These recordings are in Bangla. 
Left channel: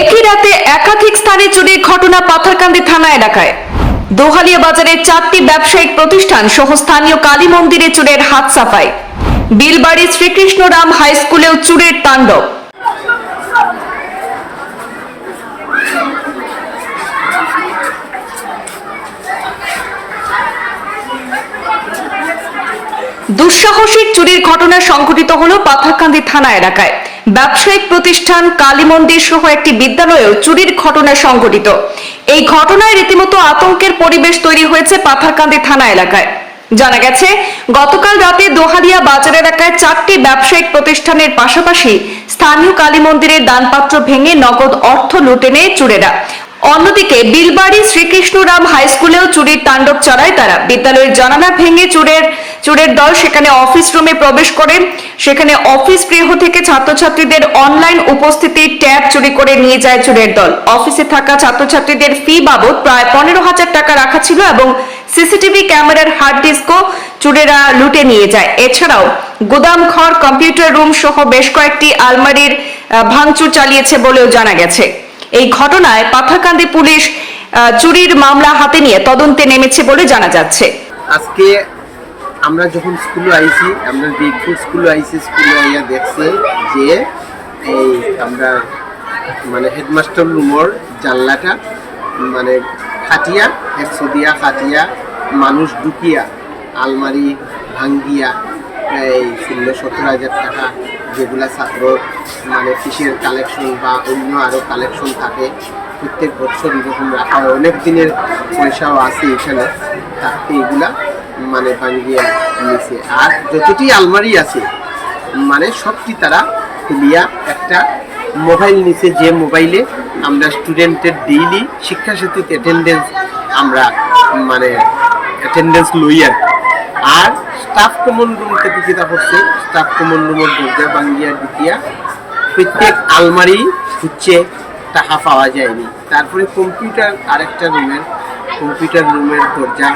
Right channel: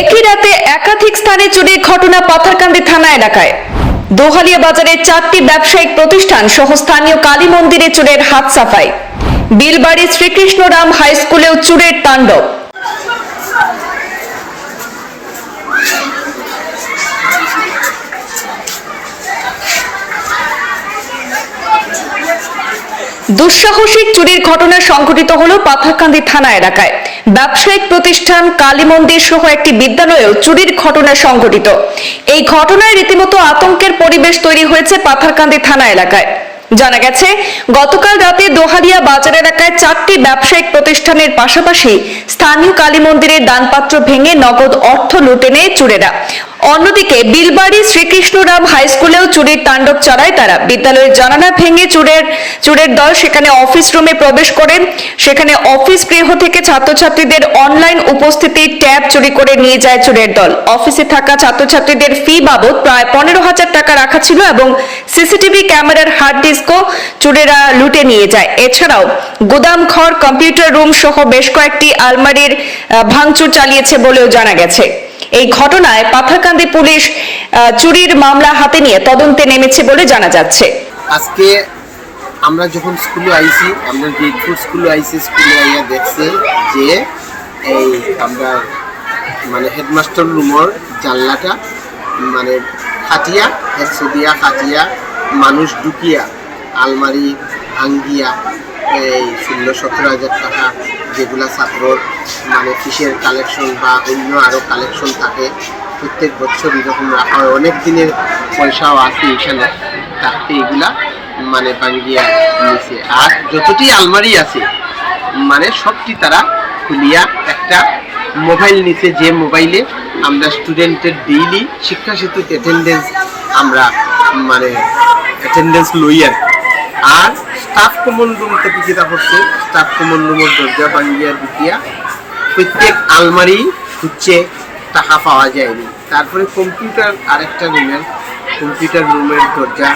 একই রাতে একাধিক স্থানে চুরির ঘটনা পাথারকান্দি থানা এলাকায়। দোহালিয়া বাজারের চারটি ব্যবসায়িক প্রতিষ্ঠান সহ স্থানীয় কালী মন্দিরে চুরের হাত সাফাই। বিলবাড়ি শ্রীকৃষ্ণরাম হাই স্কুলেও চুরের তাণ্ডব। দুঃসাহসিক চুরির ঘটনা সংঘটিত হল পাথারকান্দি থানা এলাকায়। ব্যবসায়িক প্রতিষ্ঠান কালী মন্দির সহ একটি বিদ্যালয়েও চুরির ঘটনা সংঘটিত। এই ঘটনায় রীতিমতো আতঙ্কের পরিবেশ তৈরি হয়েছে পাথারকান্দি থানা এলাকায়। জানা গেছে, গতকাল রাতে দোহালিয়া বাজার এলাকায় চারটি ব্যবসায়িক প্রতিষ্ঠানের পাশাপাশি স্থানীয় কালী মন্দিরের দানপাত্র ভেঙে নগদ অর্থ লুটে নেয় চুরেরা। অন্যদিকে বিলবাড়ি শ্রীকৃষ্ণরাম হাই স্কুলেও চুরির তাণ্ডব চালায় তারা। বিদ্যালয়ের জানালা ভেঙে চুরের চুরের দল সেখানে অফিস রুমে প্রবেশ করে। সেখানে অফিস গৃহ থেকে ছাত্রছাত্রীদের অনলাইন উপস্থিতির ট্যাব চুরি করে নিয়ে যায় চুরের দল। অফিসে থাকা ছাত্রছাত্রীদের ফি বাবদ প্রায় পনেরো হাজার টাকা রাখা ছিল এবং সিসিটিভি ক্যামেরার হার্ড ডিস্কও চুরেরা লুটে নিয়ে যায়। এছাড়াও গুদাম, ঘর, কম্পিউটার রুম সহ বেশ কয়েকটি আলমারির ভাঙচুর চালিয়েছে বলেও জানা গেছে। এই ঘটনায় পাথারকান্দি পুলিশ চুরির মামলা হাতে নিয়ে তদন্তে নেমেছে বলে জানা যাচ্ছে। আজকে আমরা যখন স্কুলে আইছি, আমরা জিতপুর স্কুলে আইছি, স্কুলে আইয়া দেখছি যে এই আমরা মানে হেডমাস্টার রুমর জানলাটা মানে খাটিয়া একশো দিয়া খাটিয়া মানুষ ঢুকিয়া, আলমারি ভাঙ্গিয়া এই ষোলো সতেরো হাজার টাকা যেগুলা ছাত্রর মানে ফিসের কালেকশন বা অন্য আরও কালেকশন থাকে, প্রত্যেক বছর এরকম রাখা হয়। অনেক দিনের পয়সাও আছে এখানে থাকতে এগুলা মানে ভাঙ্গিয়া নিয়েছে আর যতটি আলমারি আছে মানে সবটি তারা খুলিয়া একটা মোবাইল নিছে, যে মোবাইলে আমরা স্টুডেন্টের ডেইলি শিক্ষা সেতু অ্যাটেন্ডেন্স আমরা মানে অ্যাটেন্ডেন্স লই আর স্টাফ কমন রুম থেকে যেটা হচ্ছে স্টাফ কমন রুমের দরজা ভাঙ্গিয়া দিতিয়া প্রত্যেক আলমারি হচ্ছে টাকা পাওয়া যায়নি। তারপরে কম্পিউটার আরেকটা রুমের, কম্পিউটার রুমের দরজা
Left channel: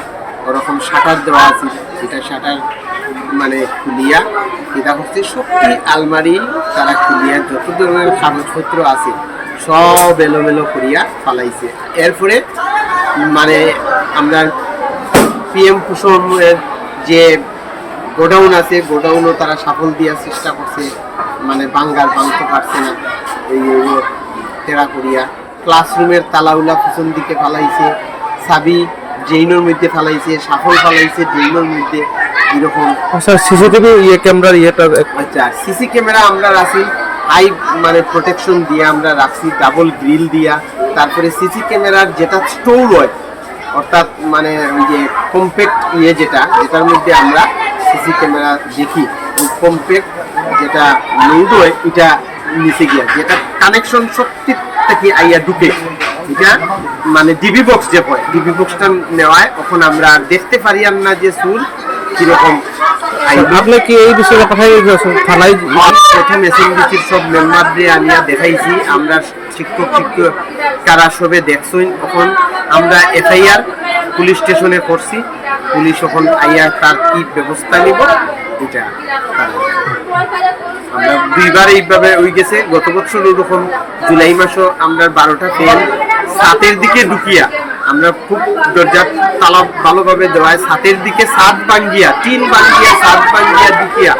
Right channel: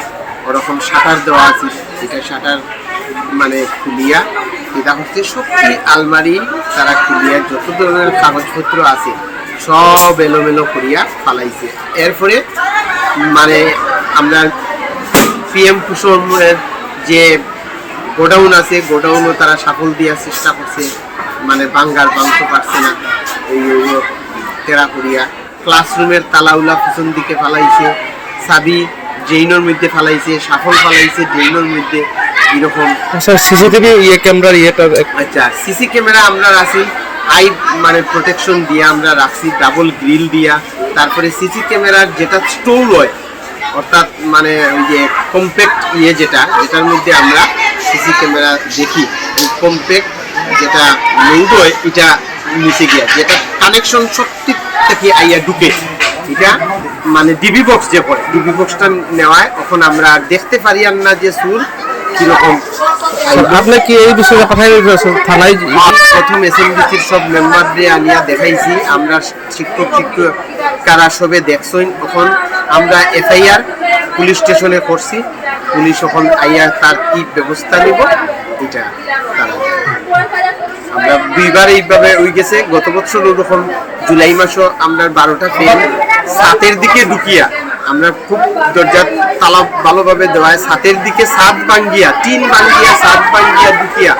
ওরকম শাটার দেওয়া আছে, যেটা শাটার মানে খুলিয়া, এটা হচ্ছে সবটি আলমারি তারা খুলিয়া, যত ধরনের কাগজপত্র আছে, সব এলোমেলো করিয়া ফালাইছে। এরপরে মানে আমরা পিএম কুসুমের যে গোডাউন আছে গোডাউনও তারা সাফল দেওয়ার চেষ্টা করছে। মানে বাঙ্গার ভাঙতে পারছে না এই তেরা করিয়া ক্লাসরুমের তালাউলা পিছন দিকে ফালাইছে সাবি ড্রেইনের মধ্যে ফালাইছে সাফল ফালাইছে ড্রেইনের মধ্যে এরকম। স্যার সিসিটিভি ইয়ে ক্যামেরার ইয়েটা আচ্ছা সিসি ক্যামেরা আমরা রাখি হাই মানে প্রোটেকশন দিয়ে আমরা রাখছি ডাবল গ্রিল দিয়া। তারপরে সিসি ক্যামেরার যেটা স্টোর হয় অর্থাৎ মানে ওই যে কম্প্যাক্ট ইয়ে যেটা যেটার মধ্যে আমরা সিসি ক্যামেরা দেখি কম্প্যাক্ট যেটা লোড হয় এটা নিচে গিয়া যেটা কানেকশন সত্যি থেকে আইয়া ঢুকে। এটা মানে ডিবি বক্স যে হয় ডিবি বক্সটা নেওয়ায় তখন আমরা দেখতে পারি আর না যে সুর কীরকম আপনি কি এই বিষয়ে পাঠাই থানায় প্রথম এসএমডিসির সব মেম্বারদের আনিয়া দেখাইছি আমরা শিক্ষক শিক্ষক কারা সবে দেখছই তখন আমরা এফআইআর পুলিশ স্টেশনে করছি। পুলিশ এখন আইয়া তার কি ব্যবস্থা নিব, এটা আমরা দুইবার এইভাবে ওই গেছে। গত বছর ওরকম জুলাই মাসও আমরা বারোটা ফ্যান সাতের দিকে ঢুকিয়া, আমরা খুব দরজা তালা ভালোভাবে দেওয়ায় সাতের দিকে সাত বাঙ্গিয়া তিন বাঙ্গিয়া সাত বাঙ্গিয়া ঢুকিয়া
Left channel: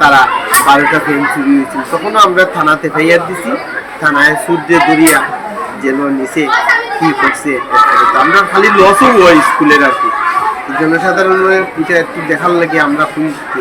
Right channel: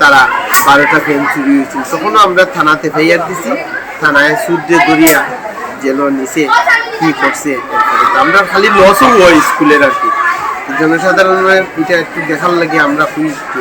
তারা বারোটা ফ্যান চুরি হয়েছিল। তখনও আমরা থানাতে ফেয়ার দিছি। থানায় সূর্য দরিয়া জেল নিচে কি করছে আমরা খালি লসও হয় স্কুলের আর কি। জনসাধারণের এটা একটু দেখার লাগে আমরা খুঁজছি